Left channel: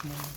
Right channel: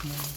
small.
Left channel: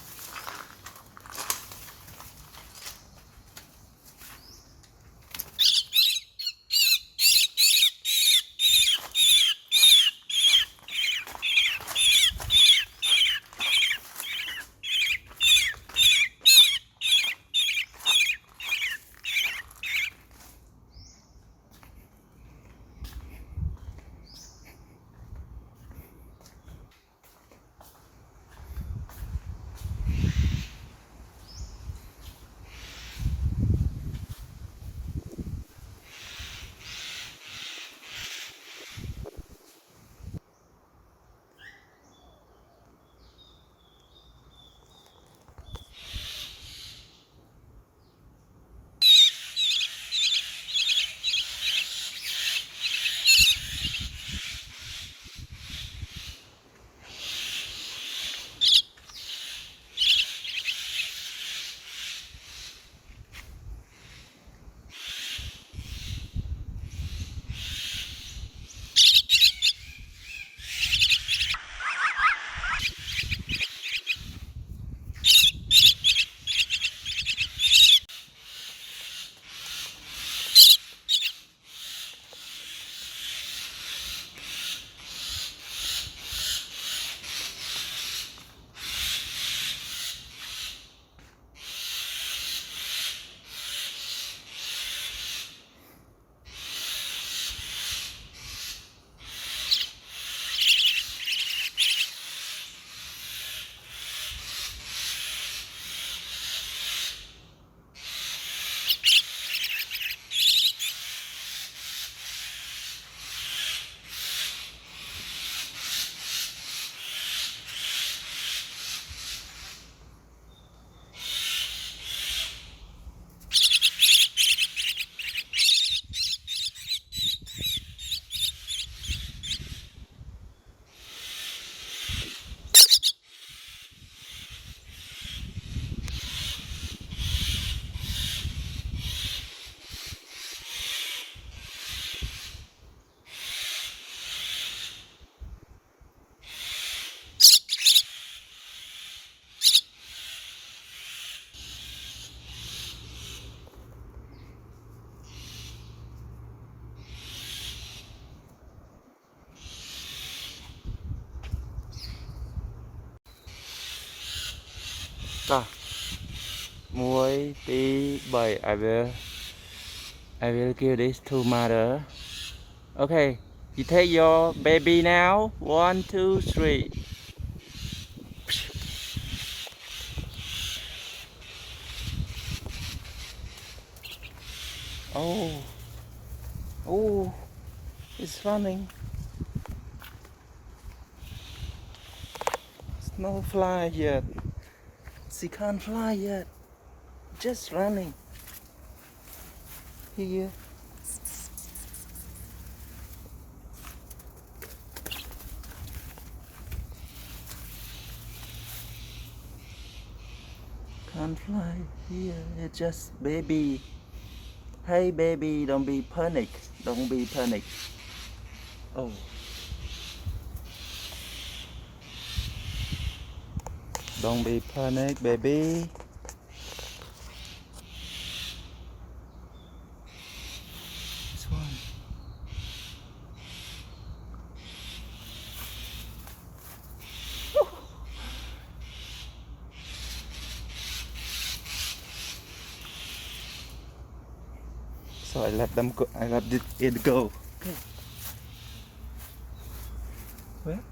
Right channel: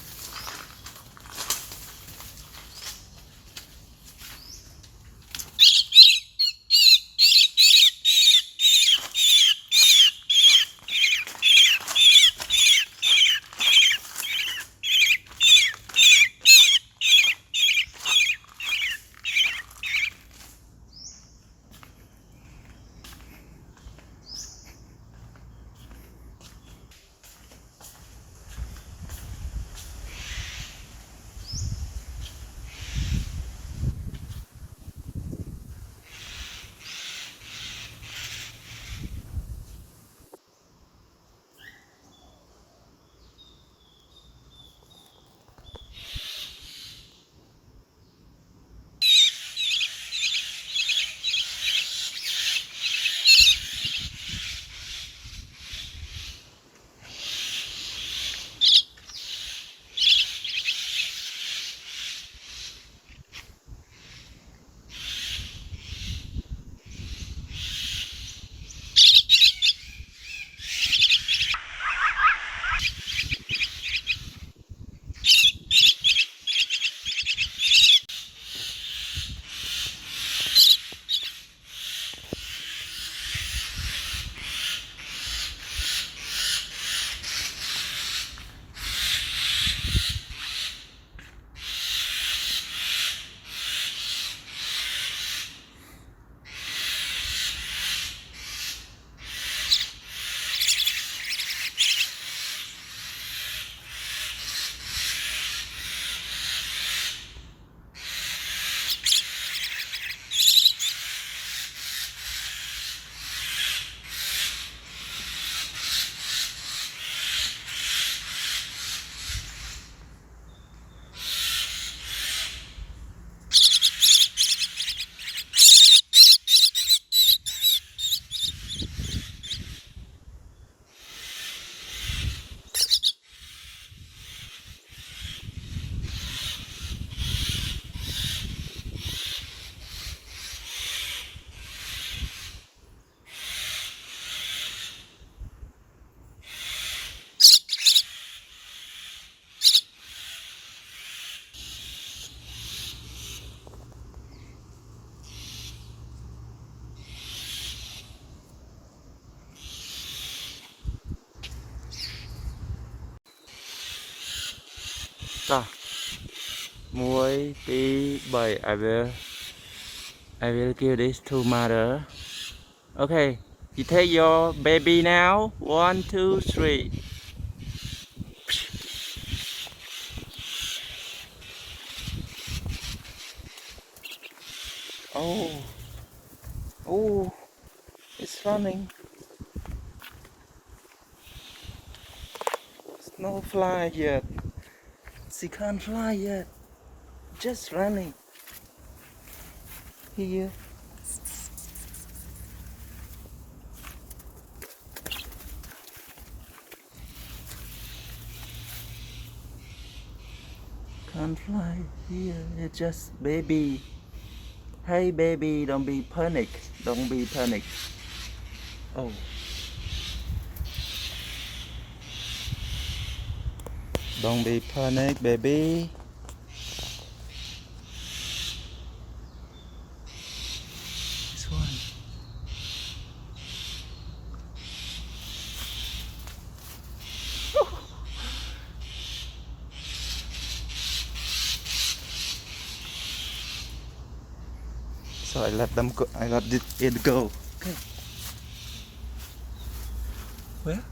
Rồi, muối tí bảy. I will give this to mother. Okay, you take your baby now. 1, 2, 3. Oh, oh, it's running. It's no fly yet. She can't fly yet. Just running. Here. Can't fly here. It's just baby. Hey baby, don't be panic. Don't be panic. Oh. Don't be panic, baby. This one. So I let them go. I let it go. Okay. Where?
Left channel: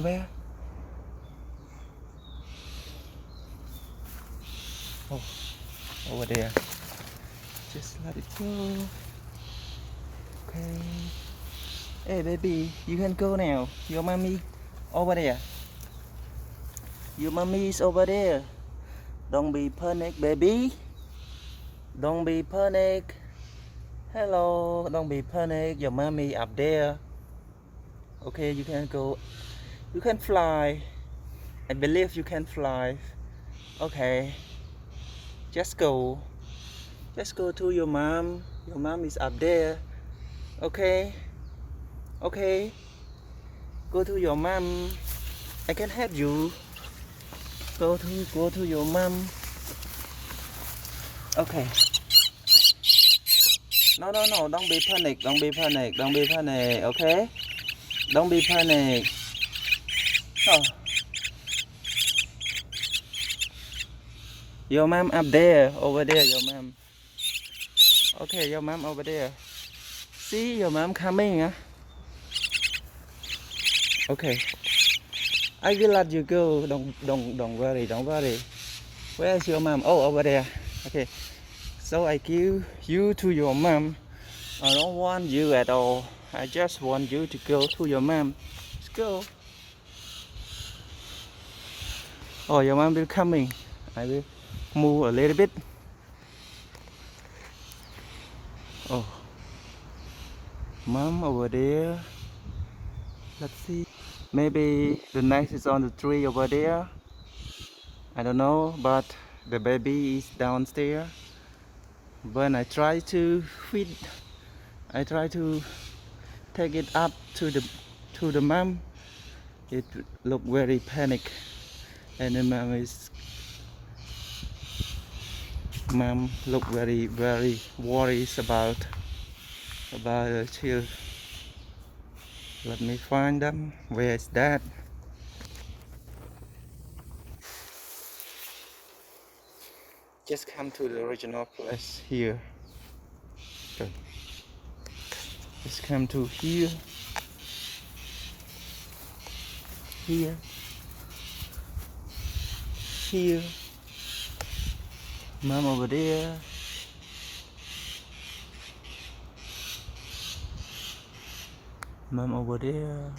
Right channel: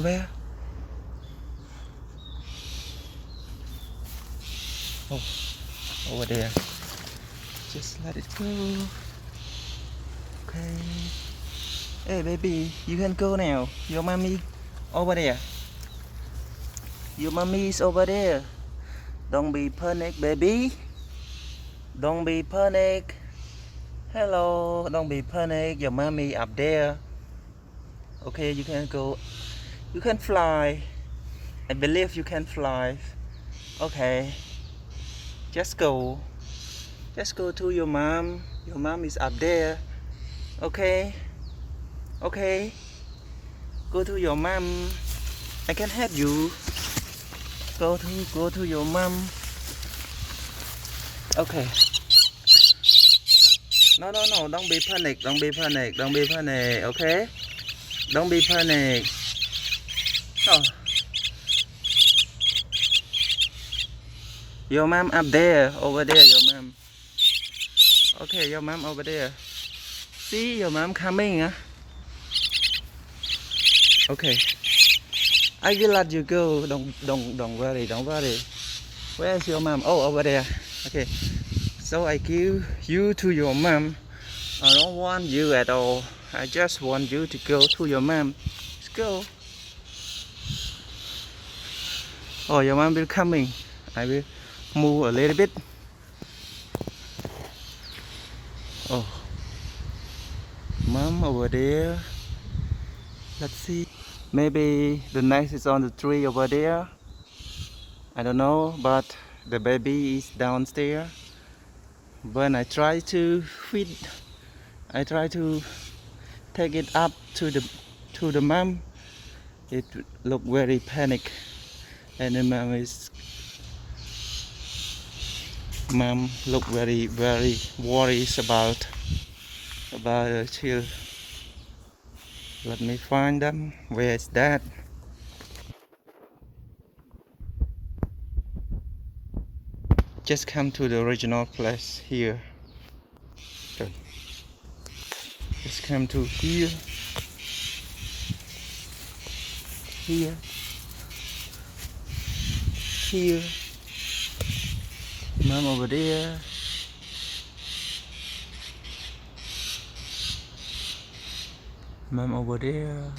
Where? Oh, over there. Just let it go. Okay. Hey baby, you can go now. Your mommy over there. Your mommy is over there. Don't be panic, baby. Don't be panic. Hello, don't be panic. Your mommy up there. Okay, you can go. You can fly. I believe you can fly. Okay. Just go. Just go to your mom. Your mom is up there. Okay. Okay. Go to your mom. I can help you. Go to your mom. Okay. No, don't be panic. Don't be panic. Okay? Don't be panic. Oh. Your mom up there, over there, your mom. Okay, your mom over there. See your mom coming, huh? Okay. I will let you go. Don't worry. Where is your mom? Oh, over there. Okay. So I give you to your mom. I don't want you at all. I just want you to go to your mom. Let's go. Oh, your mom will coming. I will move a little bit. Oh, mom over there. Let's see. Maybe the nest is on the tree over there. I don't know, but the baby is downstairs. When I try to feed, I try to take it up to the mom. It look very panic, and the mom look very worried about the child. Let me find them. Where is that? Just come to the original place here. Okay. Just come to here. Here. Mom over there. Mom over there.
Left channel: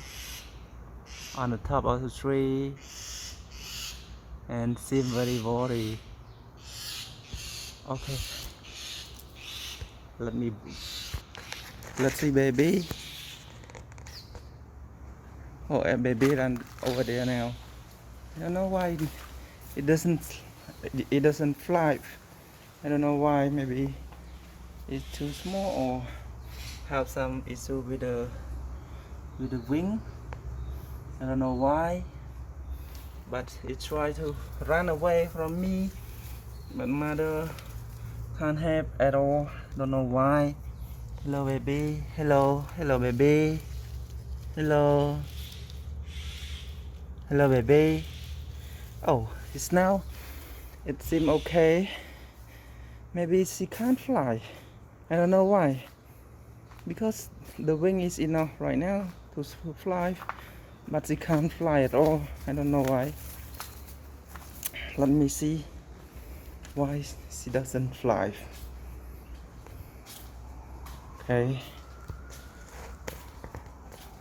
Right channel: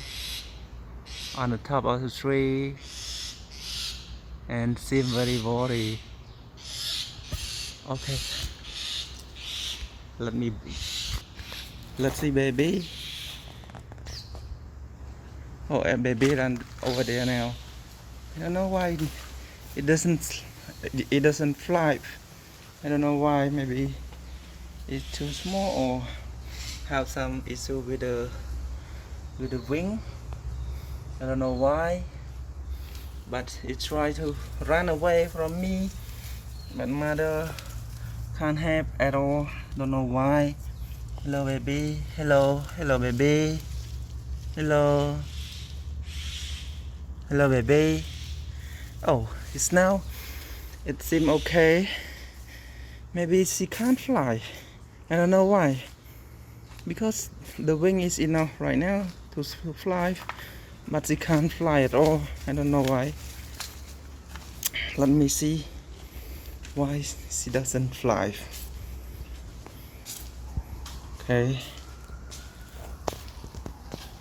On the top of the tree. And seem very worried. Okay. Let's see baby. Oh, and baby run over there now. I don't know why it doesn't fly. I don't know why. Maybe it's too small or have some issue with the wing. I don't know why. But it tried to run away from me. But mother can't help at all. Don't know why. Hello baby. Hello baby. Hello baby. Oh, it's now. It seems okay. Maybe she can't fly. I don't know why. Because the wing is enough right now to fly, but she can't fly at all. I don't know why. Let me see why she doesn't fly. Okay.